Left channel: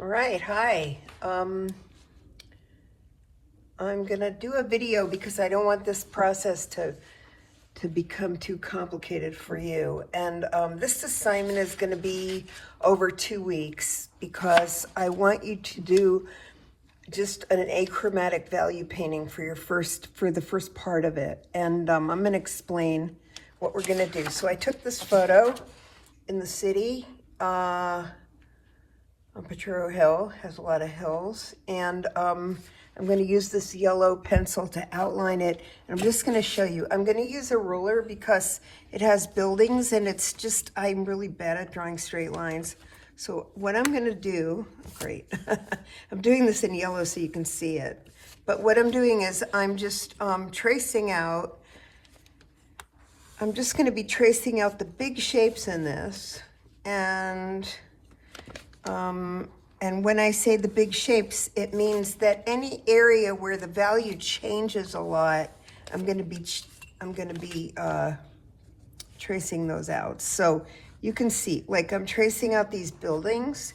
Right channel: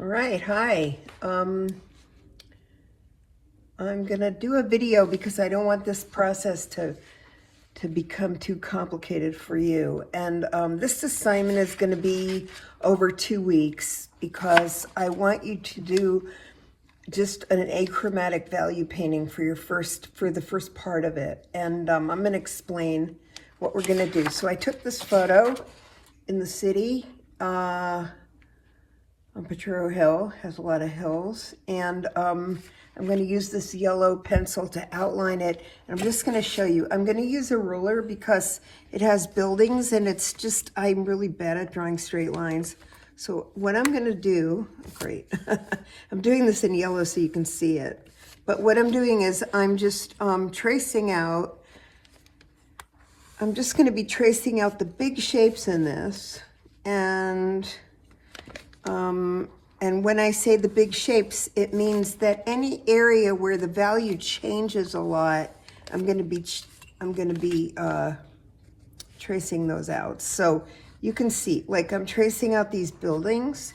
All right, hi. I'm gonna do a video because I don't want this process to become too complicated for you. And this assignment is gonna be over 2 weeks because I want you to do just an achromatic value painting for the first part of it. And I'm gonna explain what we're gonna do. So I took this photo in the city, on Potrero Hill, has a lot of hills, and I'm going to use this yellow pencil to outline it. And I'm just going to show you. I'm going to use a ruler because it has buildings, and it's just, I'm really bad at drawing straight lines. So what I'm going to do, great, I'm doing this in yellow so you can see it. But what I'm doing is I'm just tracing out, I'm just going to be tracing out the big shapes in this, and when I say the big shapes, it means that any area where the value changes a lot, I'm going to be tracing those out. So you can see, like, I'm tracing out these buildings,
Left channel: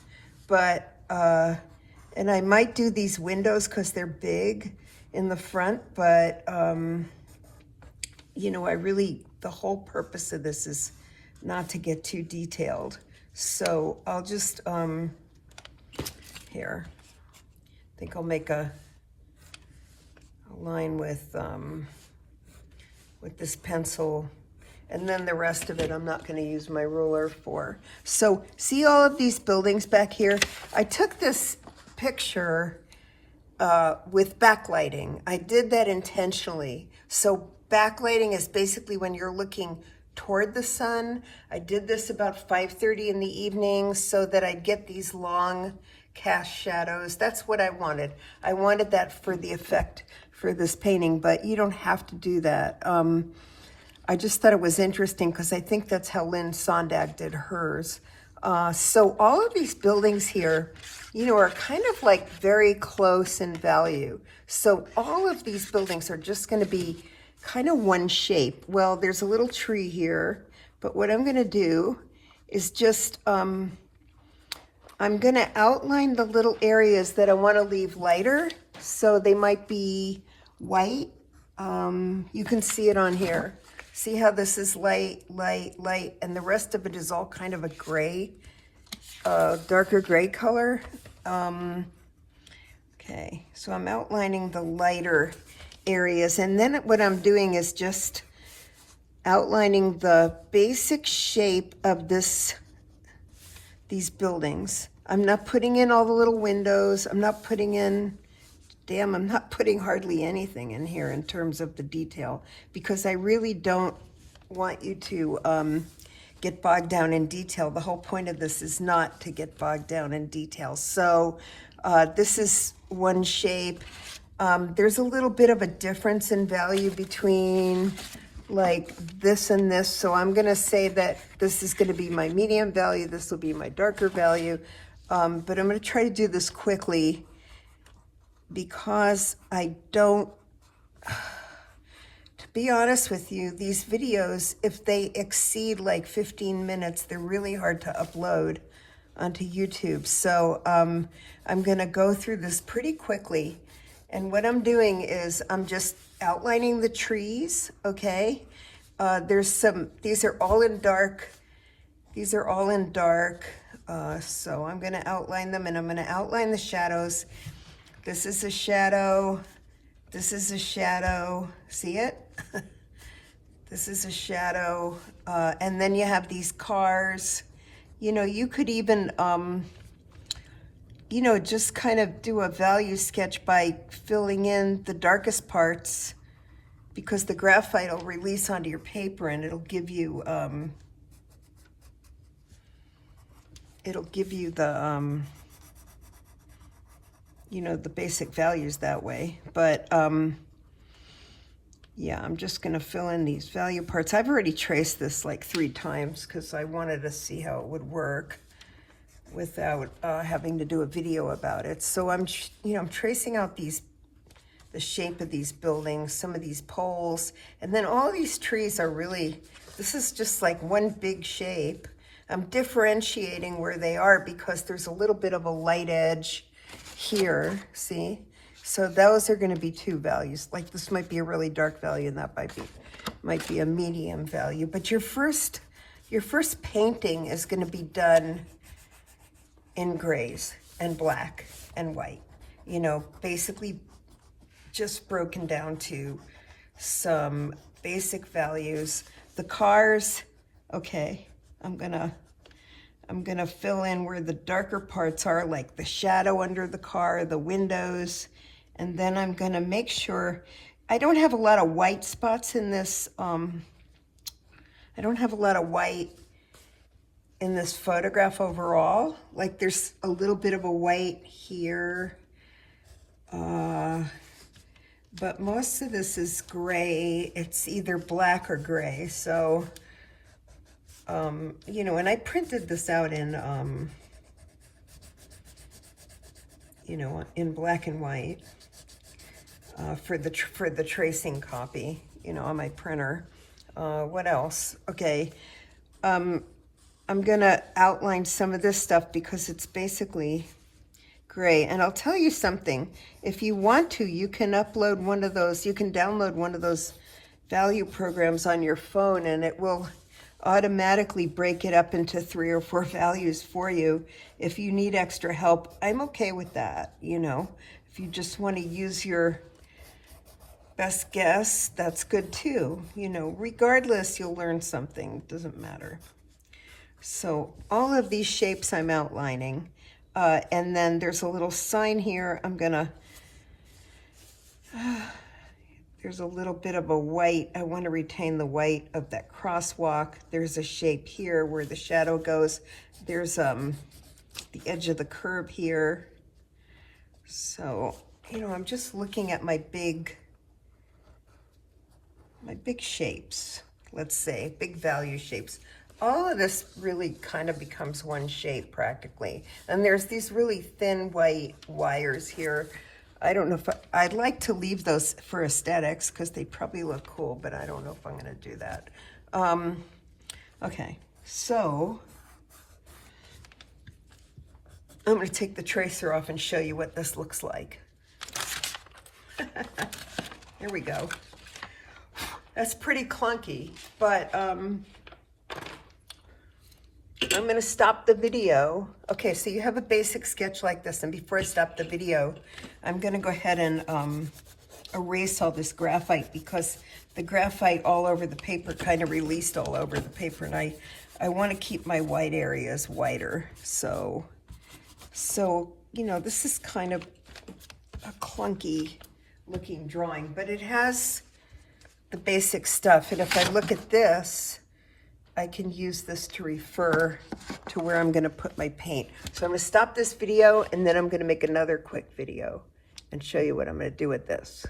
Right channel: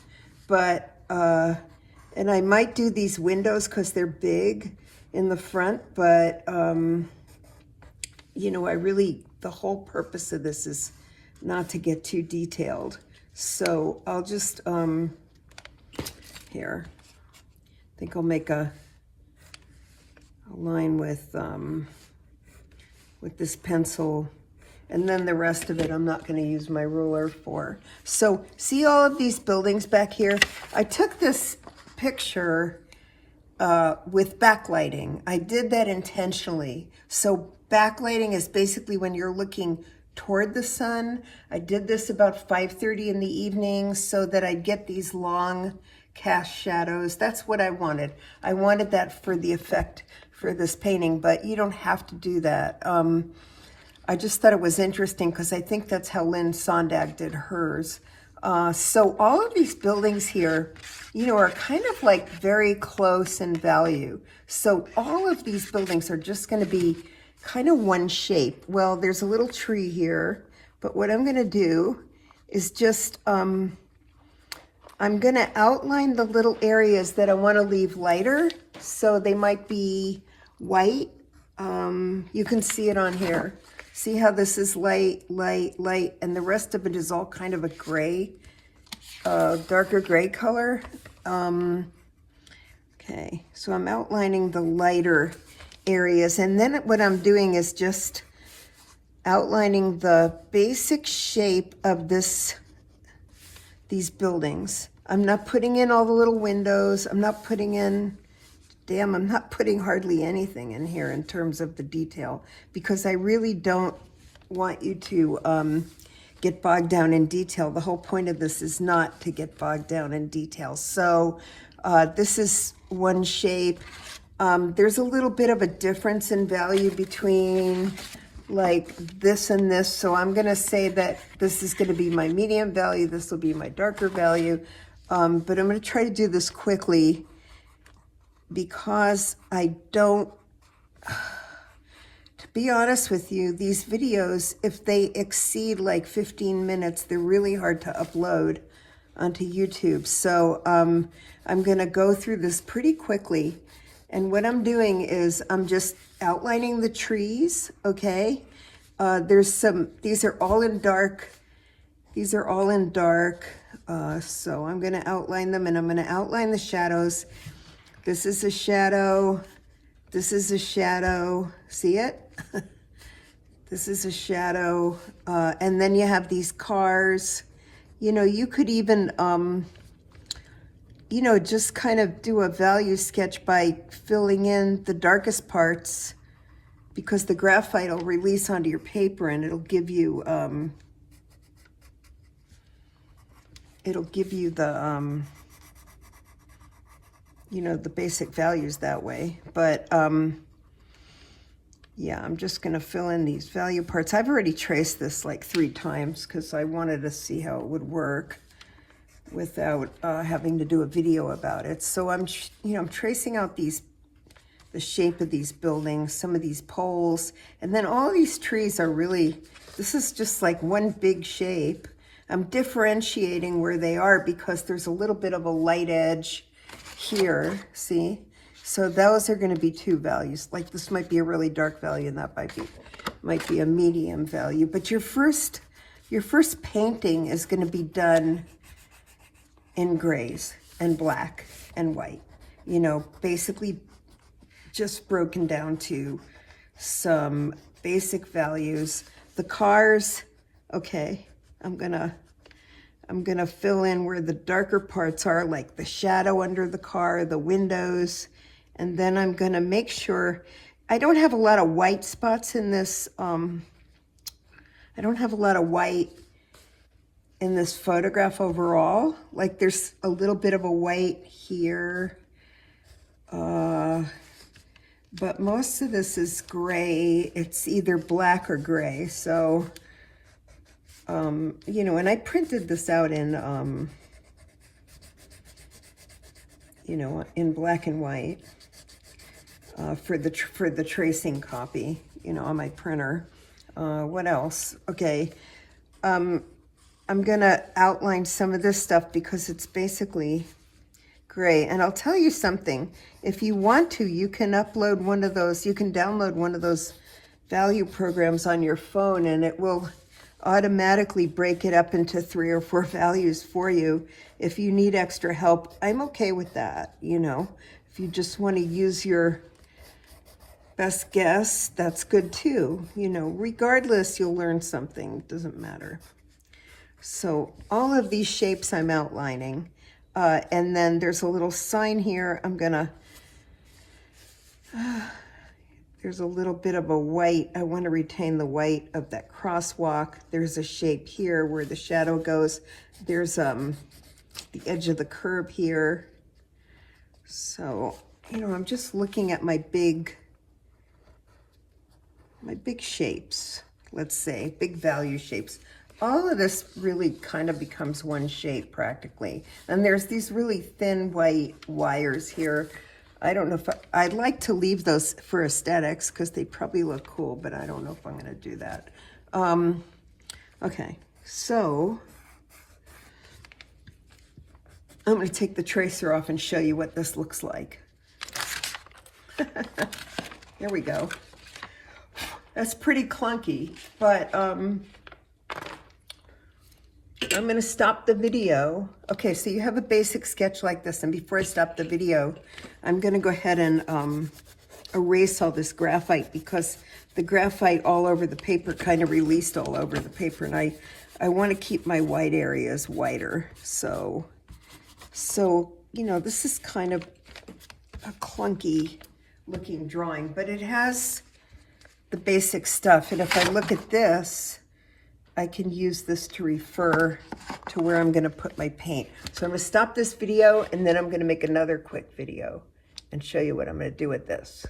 but and I might do these windows because they're big in the front, but you know, the whole purpose of this is not to get too detailed. So I'll just, here, I think I'll make a line with this pencil, and then the rest of it I'm not going to use my ruler for. So see all of these buildings back here? I took this picture with backlighting. I did that intentionally. So backlighting is basically when you're looking toward the sun. I did this about 5:30 in the evening so that I'd get these long cast shadows. That's what I wanted. I wanted that for the effect for this painting, but you don't have to do that. I just thought it was interesting because I think that's how Lynn Sondag did hers. So all of these buildings here, you know, are kind of like very close in value. So all of these buildings are just going to be kind of one shape. Well, there's a little tree here, but what I'm going to do is just, I'm going to outline the little areas that I want to leave lighter. So they might be white. You can see it on here. See how this is light, light, light, and the rest of it is all kind of a gray, darker gray color. Okay, so I'm outlining the lighter areas, and then what I'm doing is just outlining the basic shape of these buildings. I'm not putting in all the little windows. I'm not putting in, I'm not putting hardly anything in here in terms of the detail, because I really don't want you to get bogged down in detail. The whole point of this is not to get bogged down in detail. So this is one shape. There's a little bit of a difference in value between like this and this. So I'm going to say that this is going to be my medium value. This will be my darker value. But I'm going to try to do this quickly because I don't, to be honest with you, these videos, if they exceed like 15 minutes, they're really hard to upload onto YouTube. So I'm going to go through this pretty quickly. And what I'm doing is I'm just outlining the trees, okay? These are all in dark. These are all in dark. So I'm gonna outline them, and I'm gonna outline the shadows. This is a shadow. This is a shadow. See it? This is a shadow. And then you have these cars. You know, you could even, you know, just kind of do a value sketch by filling in the darkest parts, because the graphite will release onto your paper and it'll give you the, you know, the basic values that way. But yeah, I'm just gonna fill in these value parts. I've already traced this like 3 times because I wanted to see how it would work without having to do a video about it. So I'm tracing out the shape of these buildings, some of these poles, and then all these trees are really, this is just like one big shape. I'm differentiating where they are because there's a little bit of a light edge here, see? So those are gonna be 2 values. Like this might be a really dark value and that might be a medium value. But your first painting is gonna be done in grays and black and white. You know, basically just broken down to some basic values. The cars, okay, I'm gonna fill in where the darker parts are, like the shadow under the car, the windows, and then I'm gonna make sure, I don't have a lot of white spots in this, I don't have a lot of white in this photograph overall. Like there's a little bit of a white here, but most of this is gray. It's either black or gray. So, you know, and I printed this out in, you know, in black and white for the tracing copy, you know, on my printer. What else? Okay. I'm gonna outline some of this stuff because it's basically gray. And I'll tell you something, if you want to, you can upload one of those, you can download one of those value programs on your phone and it will automatically break it up into 3 or 4 values for you. If you need extra help, I'm okay with that, you know. If you just want to use your best guess, that's good too. You know, regardless, you'll learn something, it doesn't matter. So all of these shapes I'm outlining, and then there's a little sign here. I'm gonna, there's a little bit of a white. I want to retain the white of that crosswalk. There's a shape here where the shadow goes. There's the edge of the curb here. So, you know, I'm just looking at my big shapes, let's say, big value shapes. All of this really kind of becomes one shape practically. And there's these really thin white wires here. I don't know if I'd like to leave those for aesthetics because they probably look cool, but I don't know if I'm gonna do that. Okay, so I'm gonna take the tracer off and show you what this looks like. There we go. That's pretty clunky, but I'm gonna stop the video. Okay, so you have a basic sketch like this, and before I stop the video, I'm gonna go ahead and erase all this graphite because the graphite all over the paper kind of released all over the paper, and I wanna keep my white areas whiter. So, you know, this is kind of a clunky looking drawing, but it has the basic stuff. And if I look at this, I can use this to refer to where I'm gonna put my paint. So I'm gonna stop this video and then I'm gonna make another quick video and show you what I'm gonna do with this.